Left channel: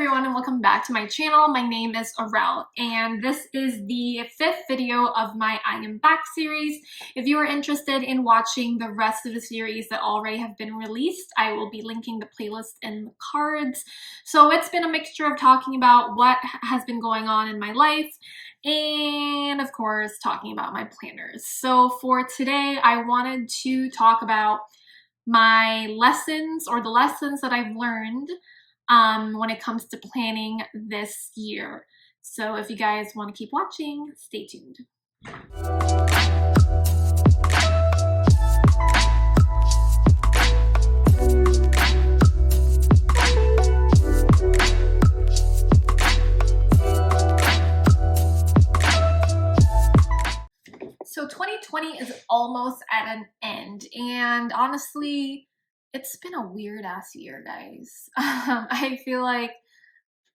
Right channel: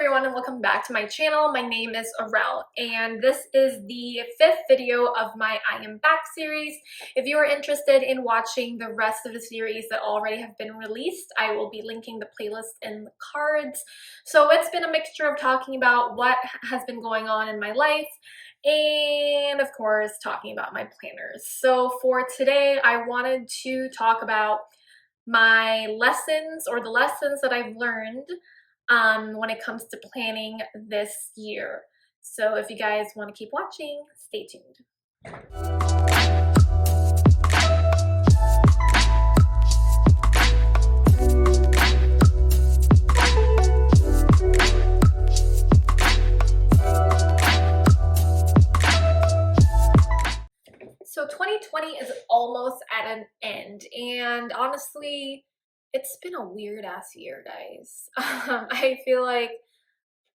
everyone and welcome back to my channel. My name is Aurel and this is the 5th video of my I Am Back series. If you are interested in watching the rest of the series that already have been released, I will be linking the playlist in the cards. So it's been a mixture of talking about what has been going on in my life and of course talking about my planners. So for today I wanted to talk about my lessons or the lessons that I've learned when it comes to planning this year. So if you guys want to keep watching, stay tuned. So 2020 is almost at an end, and honestly, it's been a weird ass year, guys. I feel like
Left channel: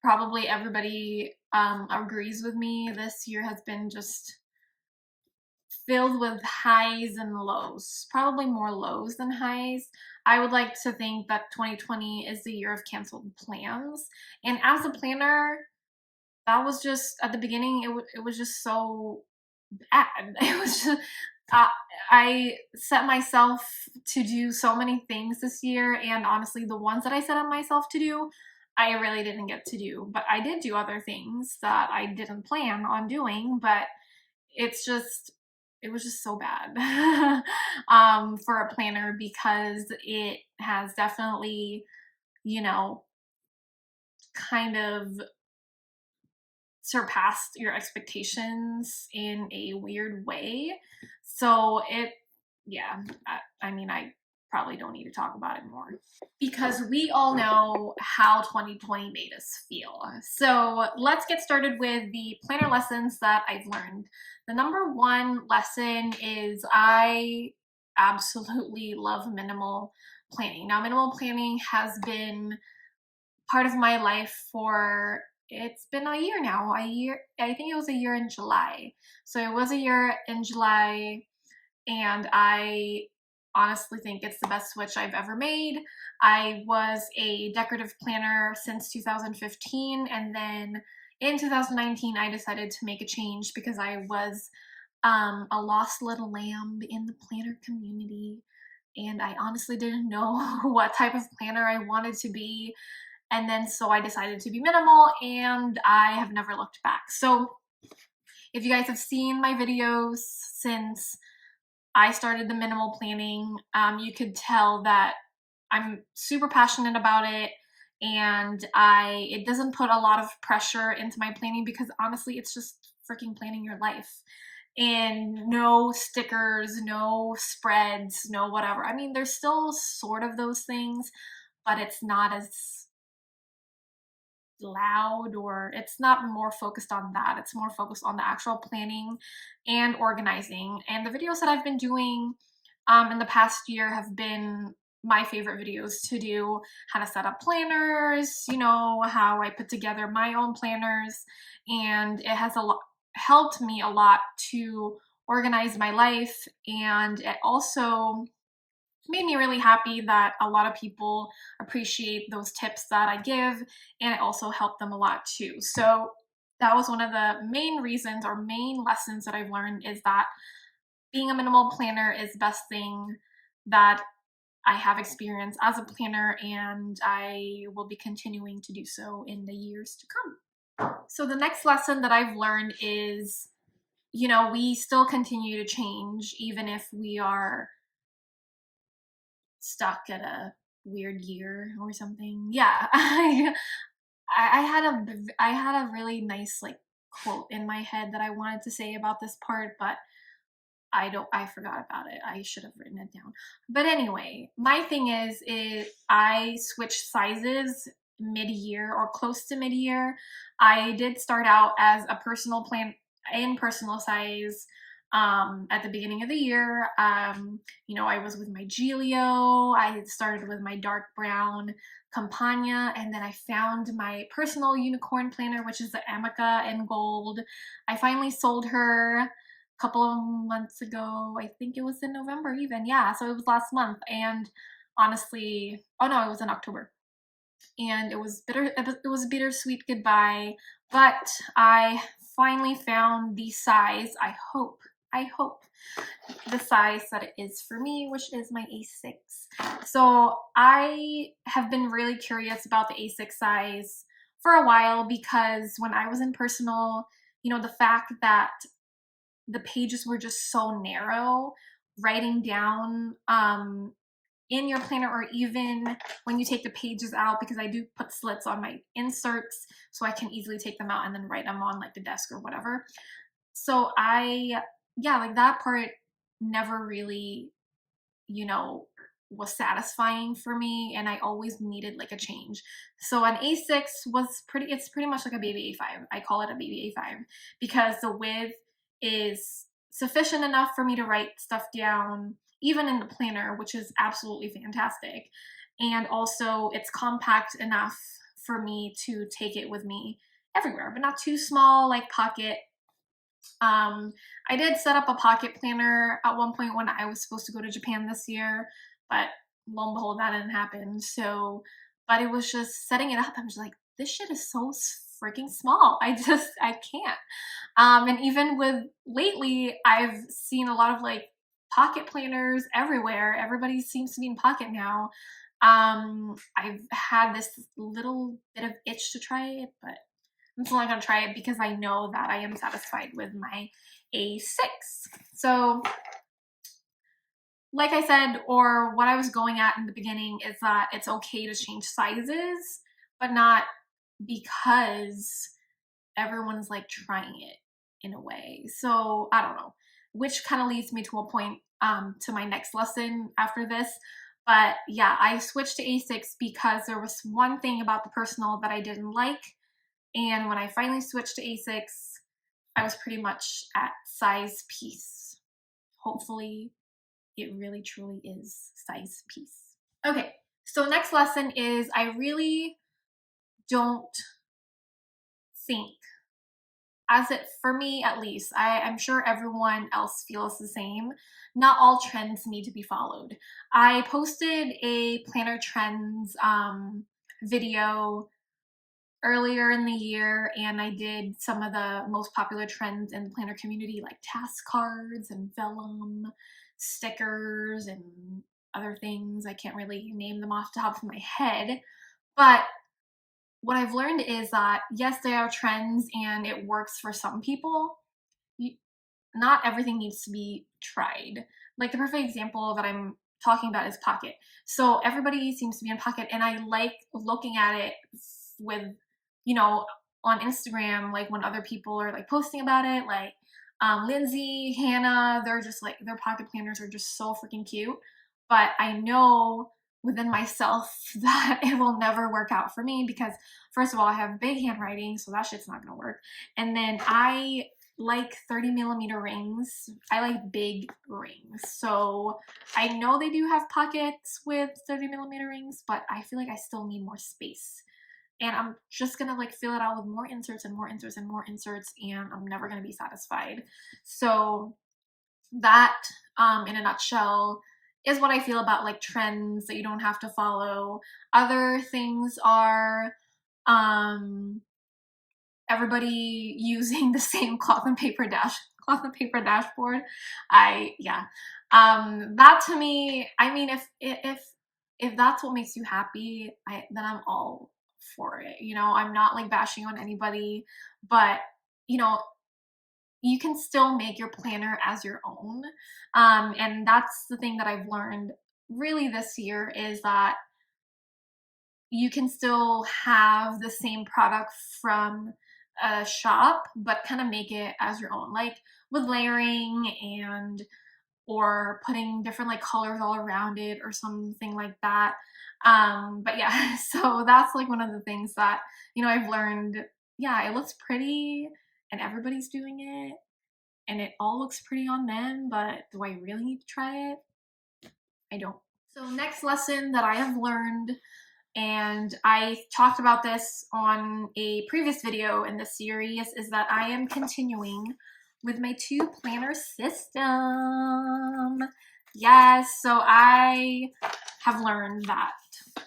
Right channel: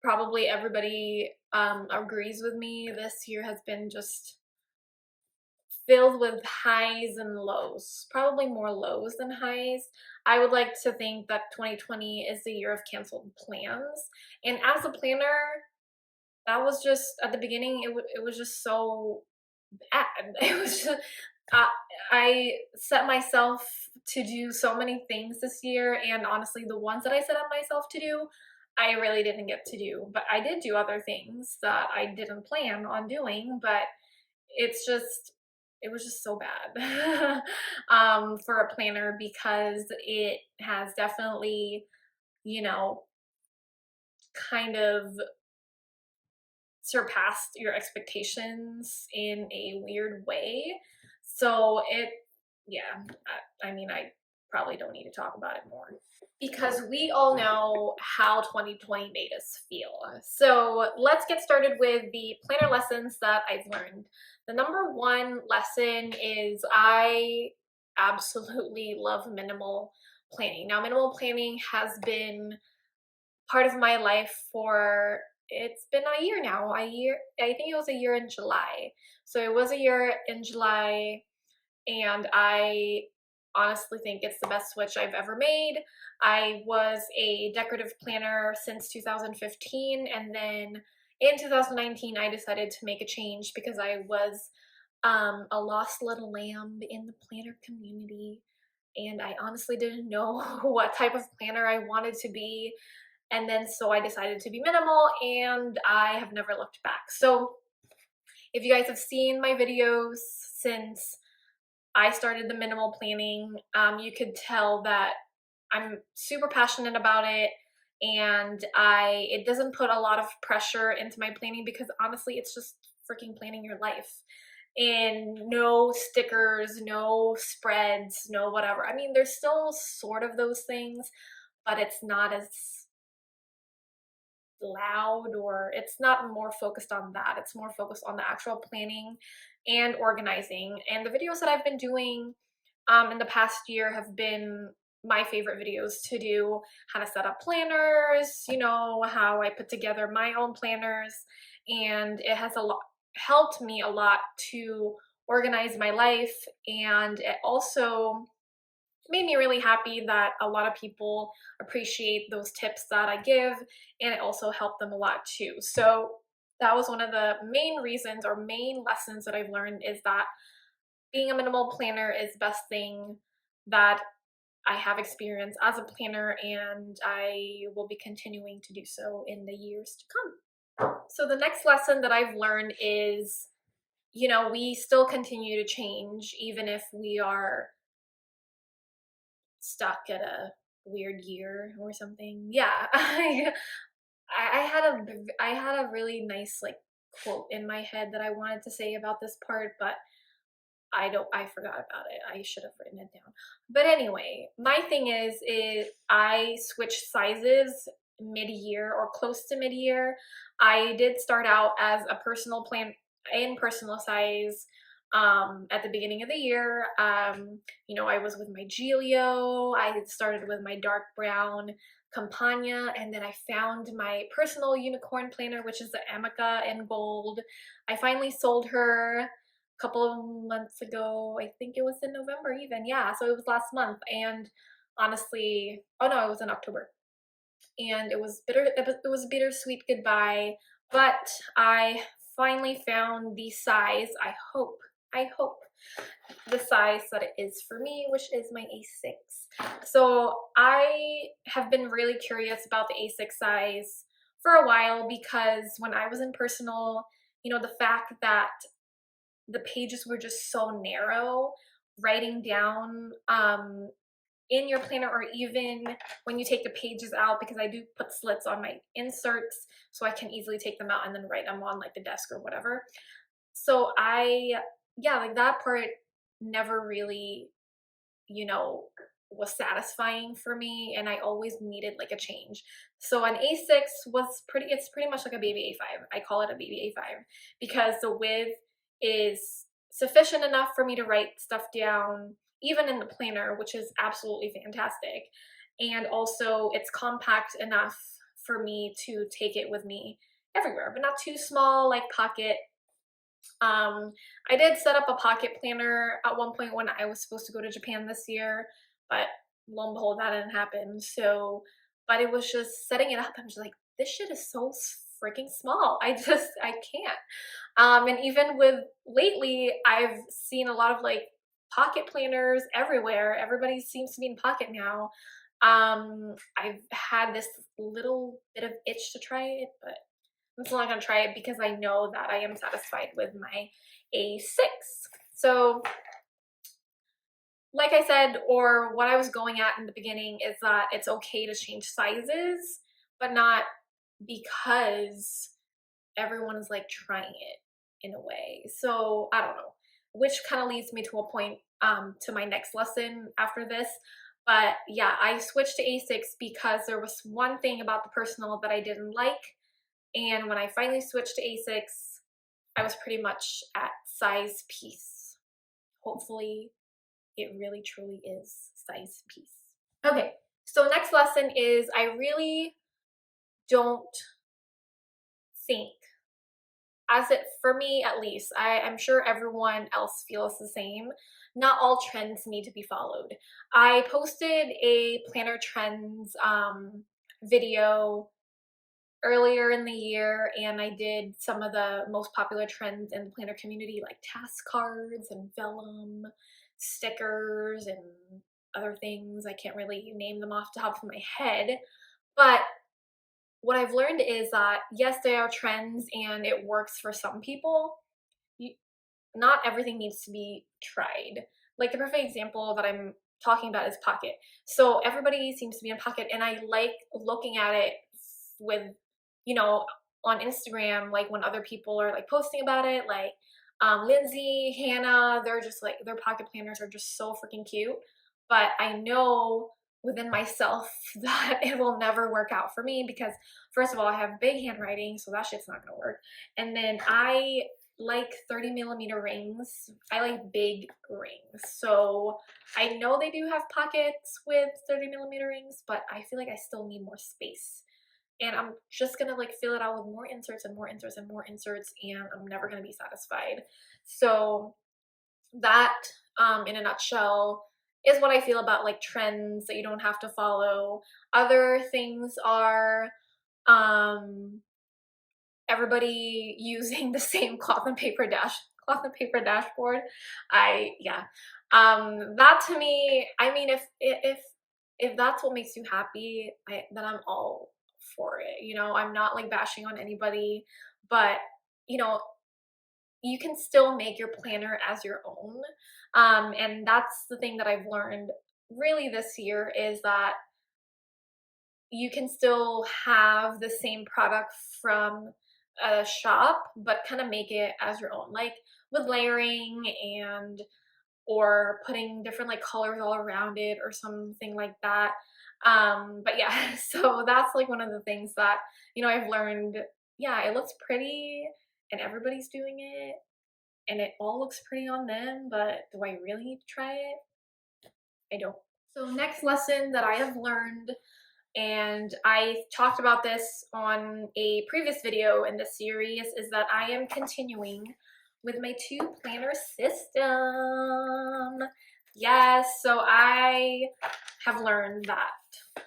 probably everybody agrees with me. This year has been just filled with highs and lows, probably more lows than highs. I would like to think that 2020 is the year of canceled plans, and as a planner, that was just at the beginning. It was just so bad. It was just I set myself to do so many things this year, and honestly, the ones that I set up myself to do, I really didn't get to do. But I did do other things that I didn't plan on doing, but it's just it was just so bad for a planner because it has definitely, you know, kind of surpassed your expectations in a weird way. So I mean, I probably don't need to talk about it more because we all know how 2020 made us feel. So let's get started with the planner lessons that I've learned. The number one lesson is I absolutely love minimal planning. Now, minimal planning has been part of my life for it's been a year now. I think it was a year in July. So it was a year in July, and I honestly think it's the best switch I've ever made. I was a decorative planner since 2015, and then in 2019 I decided to make a change because I was a lost little lamb in the planner community, and I honestly didn't know what type of planner I wanted to be. And then so I decided to be minimal, and I have never looked back. So if you guys have seen my videos since I started the minimal planning, you could tell that I'm super passionate about it, and it doesn't put a lot of pressure into my planning because honestly, it's just freaking planning your life. And no stickers, no spreads, no whatever. I mean, there's still sort of those things, but it's not as loud, or it's not more focused on that. It's more focused on the actual planning and organizing. And the videos that I've been doing in the past year have been my favorite videos to do. How to set up planners, you know, how I put together my own planners, and it has helped me a lot to organize my life, and it also made me really happy that a lot of people appreciate those tips that I give, and it also helped them a lot too. So that was one of the main reasons or main lessons that I've learned, is that being a minimal planner is the best thing that I have experienced as a planner, and I will be continuing to do so in the years to come. So the next lesson that I've learned is, you know, we still continue to change even if we are stuck at a weird year or something. Yeah, I had a really nice like quote in my head that I wanted to say about this part, but I forgot about it. I should have written it down. But anyway, my thing is I switched sizes mid-year or close to mid-year. I did start out as a personal plan in personal size at the beginning of the year. You know, I was with my Giglio. I started with my dark brown Campagna, and then I found my personal unicorn planner, which is the Amica in gold. I finally sold her a couple of months ago. I think it was in November even. Yeah, so it was last month. And honestly, oh no, it was in October. and it was a bittersweet goodbye, but I finally found the size, I hope the size that it is for me, which is my A6. So I have been really curious about the A6 size for a while, because when I was in personal, you know, the fact that the pages were just so narrow, writing down in your planner, or even when you take the pages out, because I do put slits on my inserts so I can easily take them out and then write them on like the desk or whatever. So yeah, like that part never really, you know, was satisfying for me, and I always needed like a change. So an A6 it's pretty much like a baby A5. I call it a baby A5 because the width is sufficient enough for me to write stuff down, even in the planner, which is absolutely fantastic. And also it's compact enough for me to take it with me everywhere, but not too small like pocket. I did set up a pocket planner at one point when I was supposed to go to Japan this year, but lo and behold, that didn't happen. So, but it was just setting it up. I'm just like, this shit is so freaking small. I can't. And even with lately, I've seen a lot of like pocket planners everywhere. Everybody seems to be in pocket now. I've had this little bit of itch to try it, but I'm still not gonna try it because I know that I am satisfied with my A6. So like I said, or what I was going at in the beginning, is that it's okay to change sizes, but not because everyone is like trying it in a way. So I don't know, which kind of leads me to a point to my next lesson after this. But yeah, I switched to A6 because there was one thing about the personal that I didn't like. And when I finally switched to A6, I was pretty much at size piece. Hopefully it really truly is size piece. Okay, so next lesson is I really don't think, as it, for me at least, I'm sure everyone else feels the same, not all trends need to be followed. I posted a planner trends video earlier in the year, and I did some of the most popular trends in the planner community, like task cards and vellum, stickers, and other things. I can't really name them off the top of my head, but what I've learned is that yes, they are trends and it works for some people. Not everything needs to be tried. Like the perfect example that I'm talking about is Pocket. So everybody seems to be in Pocket, and I like looking at it with, you know, on Instagram, like when other people are like posting about it, like Lindsay, Hannah, they're just like, their pocket planners are just so freaking cute. But I know within myself that it will never work out for me because, first of all, I have big handwriting, so that shit's not gonna work. And then I like 30mm rings. I like big rings. So I know they do have pockets with 30mm rings, but I feel like I still need more space. And I'm just gonna like fill it out with more inserts and more inserts and more inserts, and I'm never gonna be satisfied. So that, in a nutshell, is what I feel about like trends that you don't have to follow. Other things are everybody using the same cloth and paper dashboard. That to me, I mean, if that's what makes you happy, then I'm all for it. You know, I'm not like bashing on anybody, but you know, you can still make your planner as your own. And that's the thing that I've learned really this year, is that you can still have the same product from a shop, but kind of make it as your own, like with layering and or putting different like colors all around it or something like that. But yeah, so that's like one of the things that, you know, I've learned. Yeah, it looks pretty and everybody's doing it and it all looks pretty on them, but do I really need to try it? I don't. So next lesson that I have learned, and I talked about this on a previous video in this series, is that I am continuing with my 2-planner system. Yes, so I have learned that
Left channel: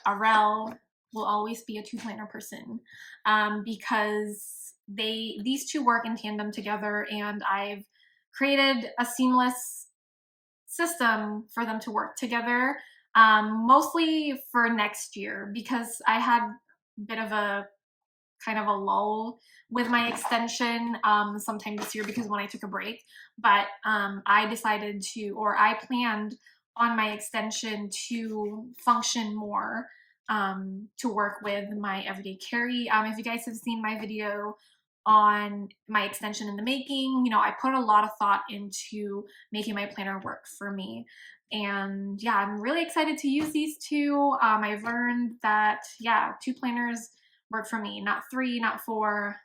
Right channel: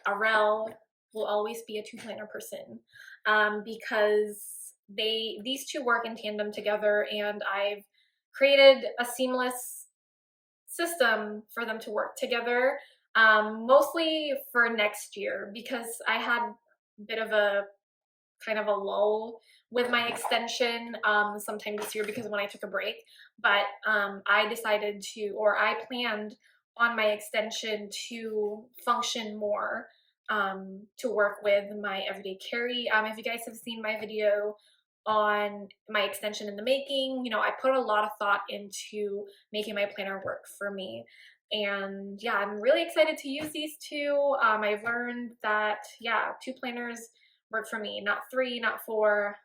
a rel will always be a two planner person, because these two work in tandem together, and I've created a seamless system for them to work together, mostly for next year, because I had a bit of a kind of a lull with my extension sometime this year because when I took a break. But I decided to, or I planned on my extension to function more, to work with my everyday carry. If you guys have seen my video on my extension in the making, you know, I put a lot of thought into making my planner work for me. And yeah, I'm really excited to use these two. I've learned that, yeah, two planners work for me, not three, not four,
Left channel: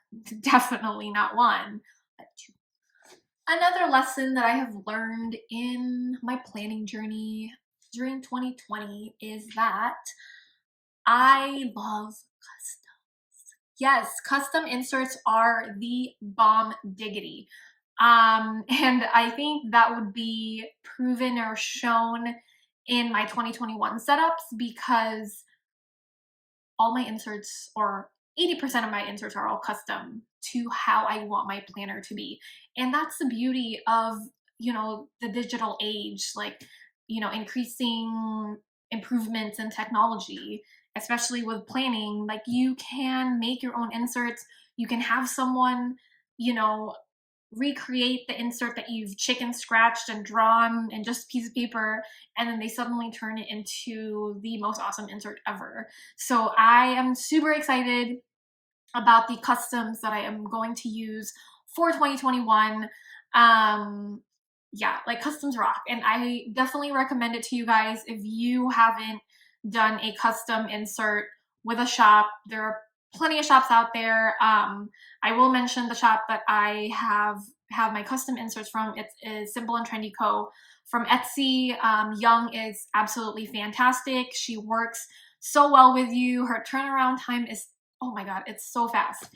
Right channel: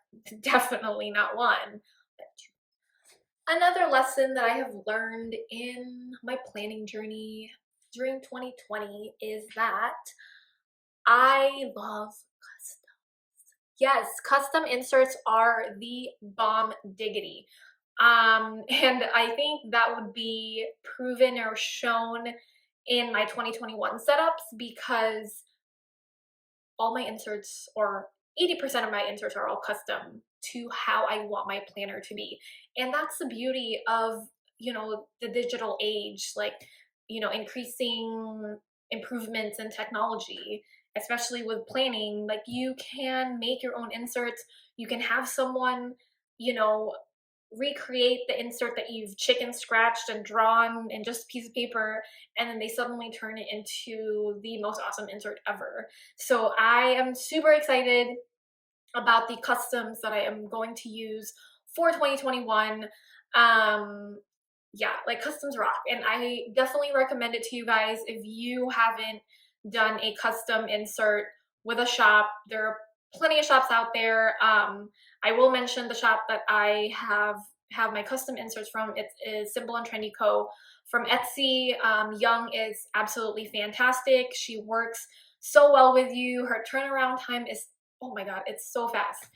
definitely not one, but two. Another lesson that I have learned in my planning journey during 2020 is that I love customs. Yes, custom inserts are the bomb diggity. And I think that would be proven or shown in my 2021 setups, because all my inserts, or 80% of my inserts, are all custom to how I want my planner to be. And that's the beauty of, you know, the digital age, like, you know, increasing improvements in technology, especially with planning. Like, you can make your own inserts. You can have someone, you know, recreate the insert that you've chicken scratched and drawn in just a piece of paper, and then they suddenly turn it into the most awesome insert ever. So I am super excited about the customs that I am going to use for 2021. Yeah, like, customs rock, and I definitely recommend it to you guys if you haven't done a custom insert with a shop. There are plenty of shops out there. I will mention the shop that I have my custom inserts from. It is Simple and Trendy Co. from Etsy. Young is absolutely fantastic. She works so well with you. Her turnaround time is, oh my god, it's so fast.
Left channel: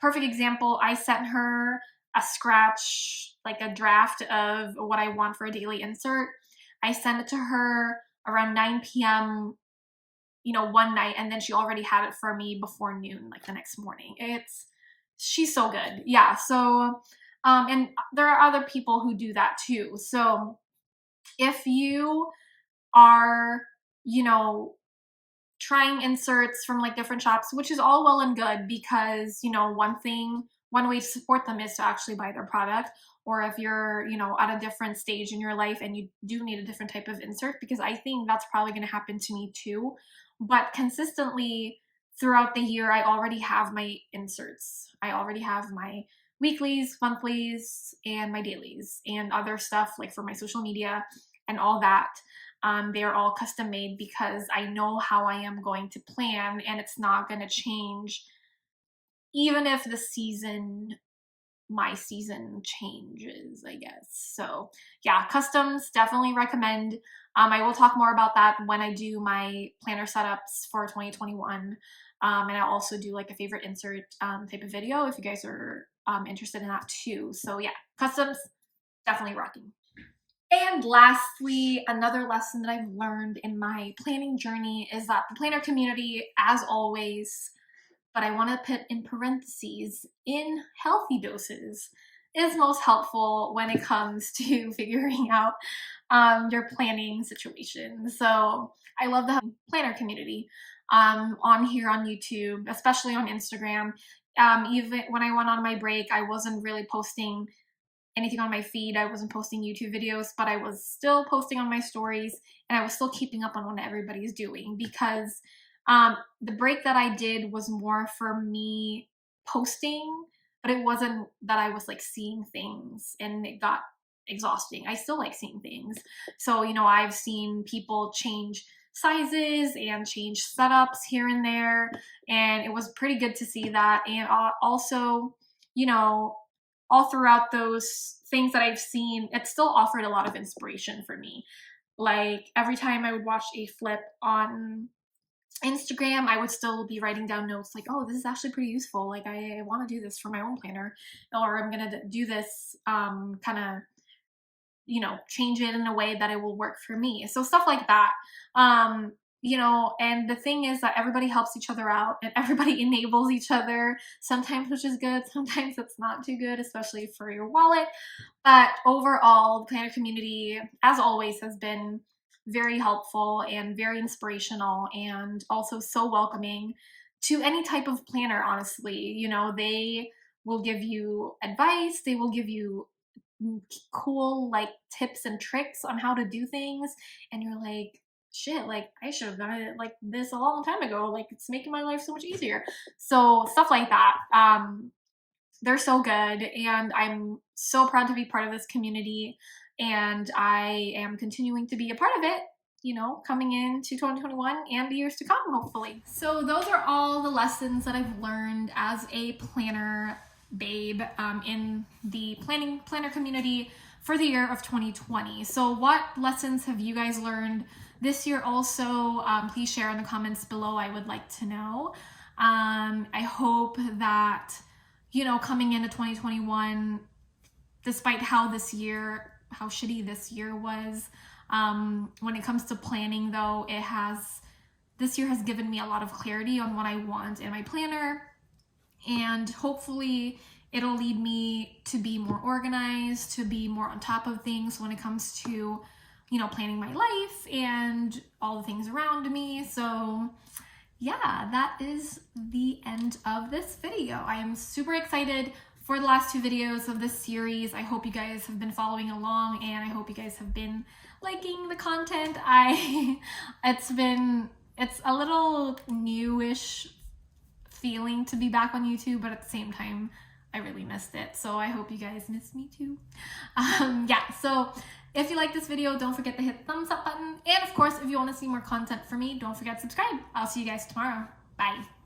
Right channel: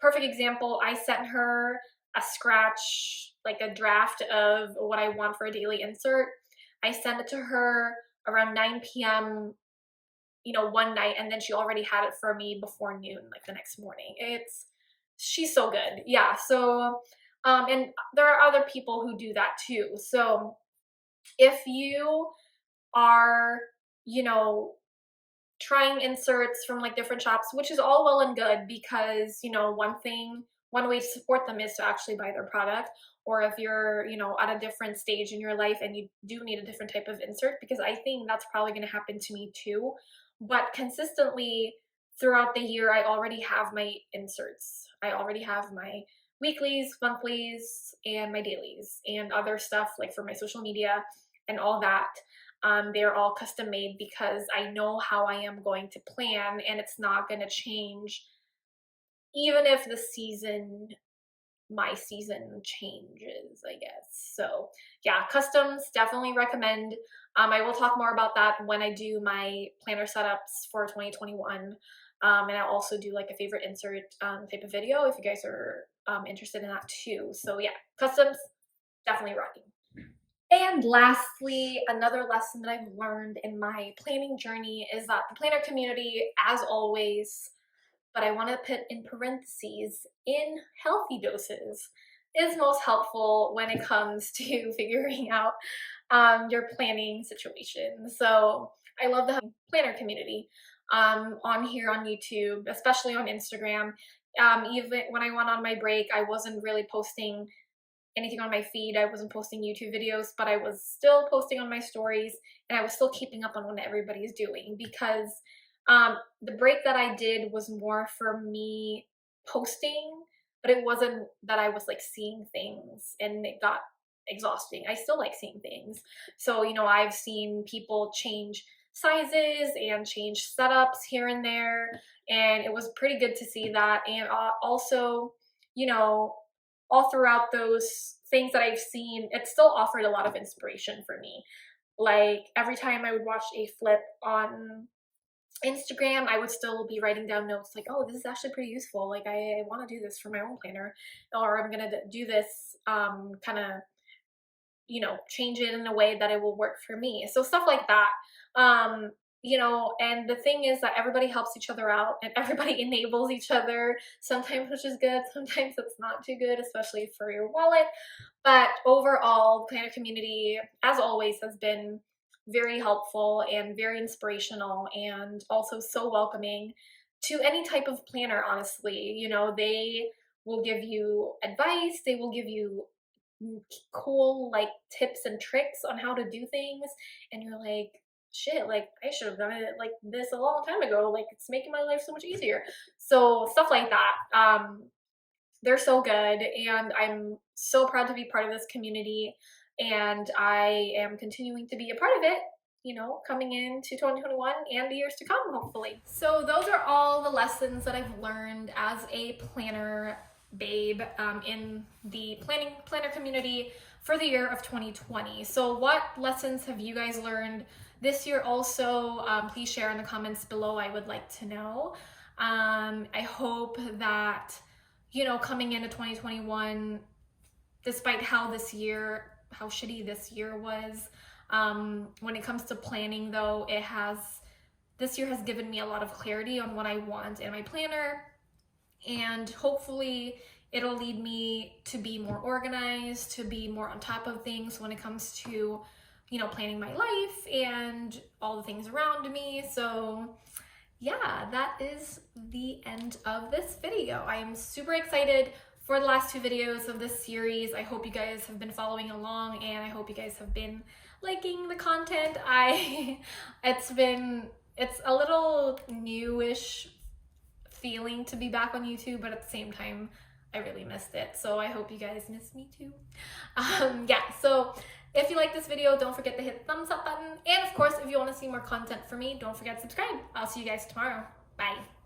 Perfect example, I sent her a scratch, like a draft of what I want for a daily insert. I sent it to her around 9 p.m., you know, one night, and then she already had it for me before noon, like the next morning. She's so good. Yeah, so, and there are other people who do that too. So if you are, you know, trying inserts from like different shops, which is all well and good, because, you know, one way to support them is to actually buy their product. Or if you're, you know, at a different stage in your life and you do need a different type of insert, because I think that's probably going to happen to me too. But consistently throughout the year, I already have my inserts. I already have my weeklies, monthlies, and my dailies, and other stuff like for my social media and all that. They're all custom made because I know how I am going to plan, and it's not going to change even if my season changes, I guess. So yeah, customs, definitely recommend. I will talk more about that when I do my planner setups for 2021. And I'll also do like a favorite insert type of video if you guys are interested in that too. So yeah, customs, definitely rocking. And lastly, another lesson that I've learned in my planning journey is that the planner community, as always, but I want to put in parentheses, in healthy doses, is most helpful when it comes to figuring out your planning situation. So I love the planner community on here on YouTube, especially on Instagram. Even when I went on my break, I wasn't really posting anything on my feed. I wasn't posting YouTube videos, but I was still posting on my stories, and I was still keeping up on what everybody's doing, because the break that I did was more for me posting, but it wasn't that I was like seeing things and it got exhausting. I still like seeing things. So, you know, I've seen people change sizes and change setups here and there, and it was pretty good to see that. And also, you know, all throughout those things that I've seen, it still offered a lot of inspiration for me. Like, every time I would watch a flip on Instagram, I would still be writing down notes like, oh, this is actually pretty useful. Like, I want to do this for my own planner, or I'm going to do this kind of, you know, change it in a way that it will work for me. So stuff like that. you know, and the thing is that everybody helps each other out and everybody enables each other sometimes, which is good. Sometimes it's not too good, especially for your wallet. But overall, the planner community, as always, has been very helpful and very inspirational and also so welcoming to any type of planner, honestly. You know, they will give you advice, they will give you cool like tips and tricks on how to do things, and you're like, shit, like I should have done it like this a long time ago, like it's making my life so much easier. So stuff like that. They're so good, and I'm so proud to be part of this community, and I am continuing to be a part of it, you know, coming into 2021 and the years to come, hopefully. So those are all the lessons that I've learned as a planner babe in the planner community for the year of 2020. So what lessons have you guys learned this year also? Please share in the comments below. I would like to know. I hope that, you know, coming into 2021, despite how shitty this year was, when it comes to planning though, this year has given me a lot of clarity on what I want in my planner, and hopefully it'll lead me to be more organized, to be more on top of things when it comes to, you know, planning my life and all the things around me. So yeah, that is the end of this video. I am super excited for the last 2 videos of this series. I hope you guys have been following along, and I hope you guys have been liking the content. It's a little newish feeling to be back on YouTube, but at the same time, I really missed it. So I hope you guys miss me too. Yeah, so if you like this video, don't forget to hit the thumbs up button. And of course, if you want to see more content from me, don't forget to subscribe. I'll see you guys tomorrow. Bye.